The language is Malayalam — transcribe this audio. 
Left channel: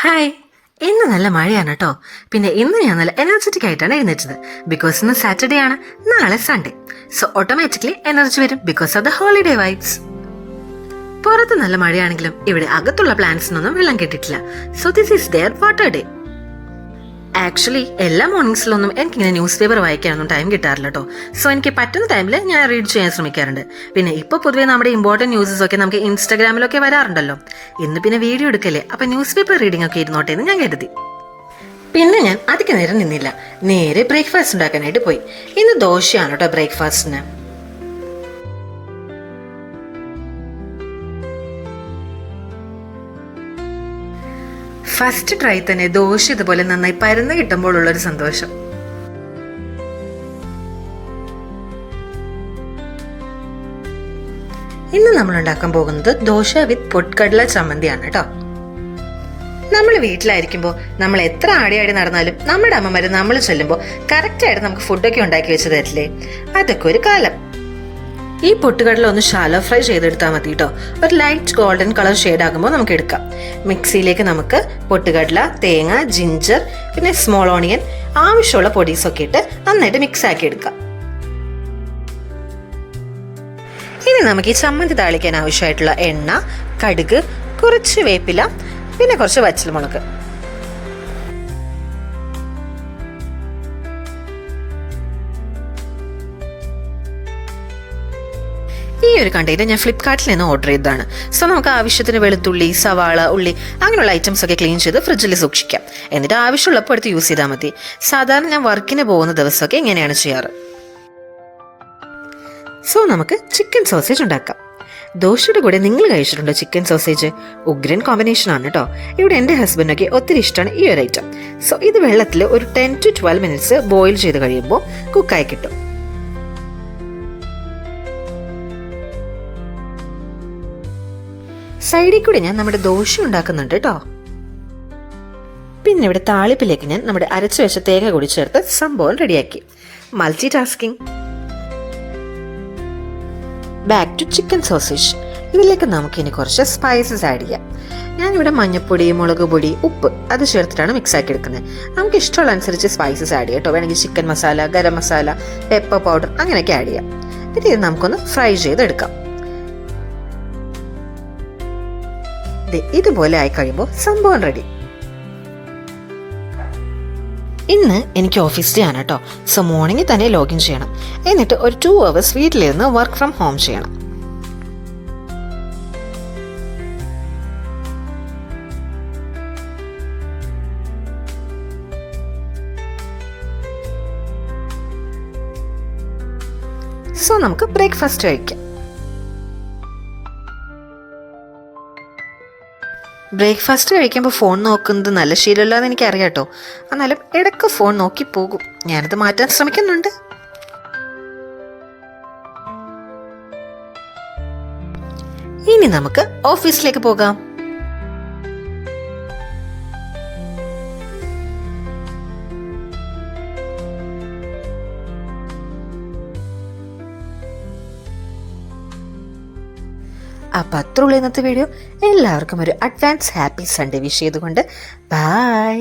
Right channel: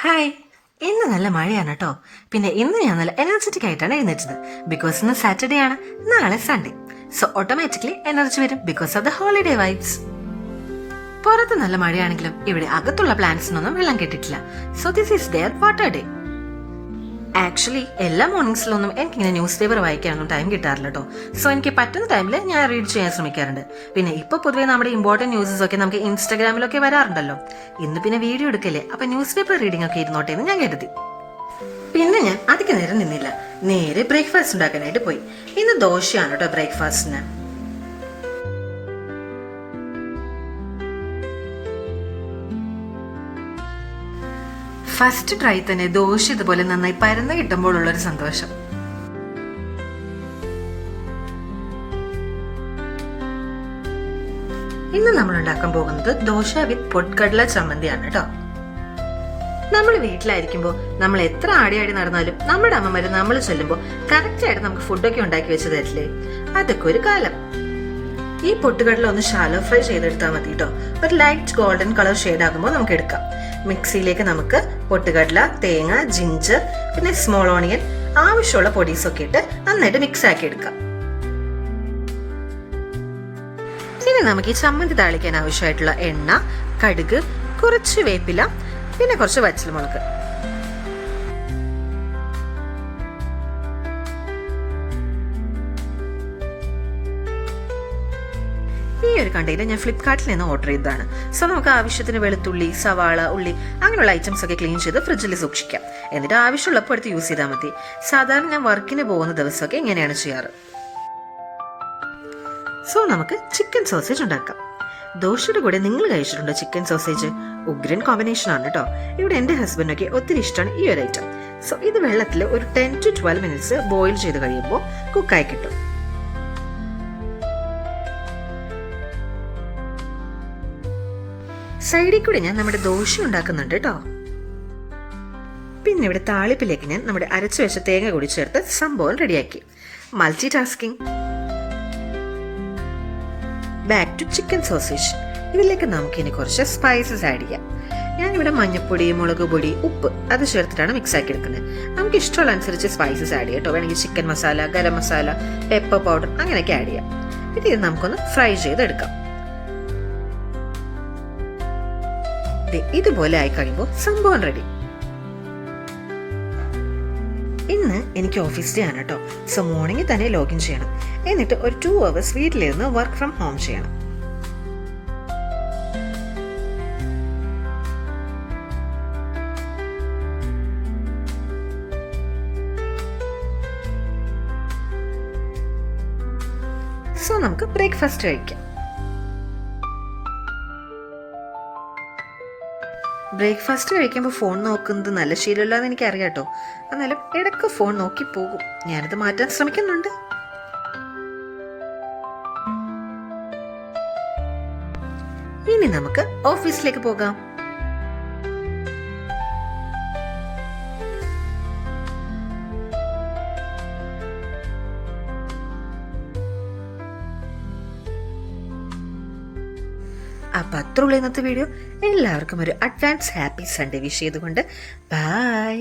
ഹായ്. ഇന്ന് നല്ല മഴയാണ് കേട്ടോ. പിന്നെ ഇന്ന് ഞാൻ നല്ല എനർജറ്റിക് ആയിട്ടാണ് എഴുന്നേറ്റത്. ബിക്കോസ് ഇന്ന് സാറ്റർഡേ ആണ്, നാളെ സൺഡേ. സോ ഓട്ടോമാറ്റിക്കലി എനർജി വരും because of the holiday vibes. പുറത്ത് നല്ല മഴയാണെങ്കിലും ഇവിടെ അകത്തുള്ള പ്ലാന്റ്സിനൊന്നും വെള്ളം കിട്ടിയിട്ടില്ല. So this is their water day. Actually എല്ലാ മോർണിംഗ്സിലൊന്നും എനിക്കിങ്ങനെ ന്യൂസ് പേപ്പർ വായിക്കാനൊന്നും ടൈം കിട്ടാറില്ല കേട്ടോ. സോ എനിക്ക് പറ്റുന്ന ടൈമിൽ ഞാൻ റീഡ് ചെയ്യാൻ ശ്രമിക്കാറുണ്ട്. പിന്നെ ഇപ്പോൾ പൊതുവേ നമ്മുടെ ഇമ്പോർട്ടൻറ്റ് ന്യൂസസ് ഒക്കെ നമുക്ക് ഇൻസ്റ്റാഗ്രാമിലൊക്കെ വരാറുണ്ടല്ലോ. ഇന്ന് പിന്നെ വീഡിയോ എടുക്കല്ലേ, അപ്പം ന്യൂസ് പേപ്പർ റീഡിംഗ് ഒക്കെ ഇരുന്നോട്ടെ എന്ന് ഞാൻ കരുതി. പിന്നെ ഞാൻ അധികം നേരം നിന്നില്ല, നേരെ ബ്രേക്ക്ഫാസ്റ്റ് ഉണ്ടാക്കാനായിട്ട് പോയി. ഇന്ന് ദോശയാണ് കേട്ടോ ബ്രേക്ക്ഫാസ്റ്റിന്. ഫസ്റ്റ് ട്രൈ തന്നെ ദോശ ഇതുപോലെ നന്നായി പരന്ന് കിട്ടുമ്പോഴുള്ളൊരു സന്തോഷം. ഇന്ന് നമ്മൾ ഉണ്ടാക്കാൻ പോകുന്നത് ദോശ വിത്ത് പൊട്ടുകടല ചമ്മന്തിയാണ് കേട്ടോ. നമ്മൾ വീട്ടിലായിരിക്കുമ്പോൾ നമ്മൾ എത്ര ആടി നടന്നാലും നമ്മുടെ അമ്മമാര് നമ്മൾ ചെല്ലുമ്പോൾ കറക്റ്റായിട്ട് നമുക്ക് ഫുഡൊക്കെ ഉണ്ടാക്കി വെച്ച് തരില്ലേ. അതൊക്കെ ഒരു കാലം. ഈ പൊട്ടുകടല ഒന്ന് ഷാലോ ഫ്രൈ ചെയ്തെടുത്താൽ മതി കേട്ടോ. ഒരു ലൈറ്റ് ഗോൾഡൻ കളർ ഷെയ്ഡ് ആകുമ്പോൾ നമുക്ക് എടുക്കാം. മിക്സിയിലേക്ക് നമുക്ക് പൊട്ടുകടല, തേങ്ങ, ജിഞ്ചർ, പിന്നെ സ്മോൾ ഓണിയൻ, ആവശ്യമുള്ള പൊടീസൊക്കെ ഇട്ട് നന്നായിട്ട് മിക്സ് ആക്കി എടുക്കാം. ഇനി നമുക്ക് ഈ ചമ്മന്തി താളിക്കാൻ ആവശ്യമായിട്ടുള്ള എണ്ണ, കടുക്, കുറച്ച് വേപ്പില, പിന്നെ കുറച്ച് വറ്റൽമുളക്. ഈ ഒരു കണ്ടെയ്നർ ഞാൻ ഫ്ലിപ്കാർട്ടിൽ നിന്ന് ഓർഡർ ചെയ്തതാണ്. സോ നമുക്ക് ആവശ്യത്തിന് വെളുത്തുള്ളി, സവാള, ഉള്ളി അങ്ങനെയുള്ള ഐറ്റംസ് ഒക്കെ ക്ലീൻ ചെയ്ത് ഫ്രിഡ്ജിൽ സൂക്ഷിക്കാം. എന്നിട്ട് ആവശ്യമുള്ളപ്പോൾ എടുത്ത് യൂസ് ചെയ്താൽ മതി. സാധാരണ ഞാൻ വർക്കിന് പോകുന്ന ദിവസമൊക്കെ ഇങ്ങനെയാണ് ചെയ്യാറ്. സോ നമുക്ക് ചിക്കൻ സോസേജ് ഉണ്ടാക്കാം. ദോശയുടെ കൂടെ നിങ്ങൾ കഴിച്ചിട്ടുണ്ടോ ചിക്കൻ സോസേജ്? ഉഗ്രൻ കോമ്പിനേഷൻ ആണ് കേട്ടോ. ഇവിടെ എൻ്റെ ഹസ്ബൻഡൊക്കെ ഒത്തിരി ഇഷ്ടമാണ് ഈ ഒരു ഐറ്റം. സോ ഇത് വെള്ളത്തിൽ ഒരു 10 to 12 minutes ബോയിൽ ചെയ്ത് കഴിയുമ്പോൾ കുക്കായി കിട്ടും. സൈഡിൽ കൂടി ഞാൻ നമ്മുടെ ദോശ ഉണ്ടാക്കുന്നുണ്ട് കേട്ടോ. പിന്നെ ഇവിടെ താളിപ്പിലേക്ക് ഞാൻ നമ്മുടെ അരച്ചു വെച്ച തേങ്ങ കൂടി ചേർത്ത് സംഭവം റെഡിയാക്കി. Multi tasking. Back to chicken sausage. ഇതിലേക്ക് നമുക്ക് ഇനി കുറച്ച് സ്പൈസസ് ആഡ് ചെയ്യാം. ഞാനിവിടെ മഞ്ഞൾപ്പൊടി, മുളക് പൊടി, ഉപ്പ് അത് ചേർത്തിട്ടാണ് മിക്സ് ആക്കി എടുക്കുന്നത്. നമുക്ക് ഇഷ്ടമുള്ള അനുസരിച്ച് സ്പൈസസ് ആഡ് ചെയ്യാം കേട്ടോ. വേണമെങ്കിൽ chicken masala, garam masala, pepper powder അങ്ങനെയൊക്കെ ആഡ് ചെയ്യാം. പിന്നെ ഇത് നമുക്കൊന്ന് ഫ്രൈ ചെയ്തെടുക്കാം. ഇതുപോലെ ആയി കഴിയുമ്പോൾ സംഭവം റെഡി. ഇന്ന് എനിക്ക് ഓഫീസ് ഡേ ആണ് കേട്ടോ. സോ മോർണിംഗിൽ തന്നെ ലോഗിൻ ചെയ്യണം. എന്നിട്ട് ഒരു 2 hours വീട്ടിലിരുന്ന് വർക്ക് ഫ്രം ഹോം ചെയ്യണം. സോ നമുക്ക് ബ്രേക്ക്ഫാസ്റ്റ് കഴിക്കാം. ബ്രേക്ക്ഫാസ്റ്റ് കഴിക്കുമ്പോൾ ഫോൺ നോക്കുന്നത് നല്ല ശീലമല്ല എന്ന് എനിക്കറിയാം കേട്ടോ. എന്നാലും ഇടയ്ക്ക് ഫോൺ നോക്കി പോകും. ഞാനത് മാറ്റാൻ ശ്രമിക്കുന്നുണ്ട്. ഇനി നമുക്ക് ഓഫീസിലേക്ക് പോകാം. അപ്പം അത്രയുള്ള ഇന്നത്തെ വീഡിയോ. എല്ലാവർക്കും ഒരു അഡ്വാൻസ് ഹാപ്പി സൺഡേ വിഷ് ചെയ്തുകൊണ്ട് ബൈ.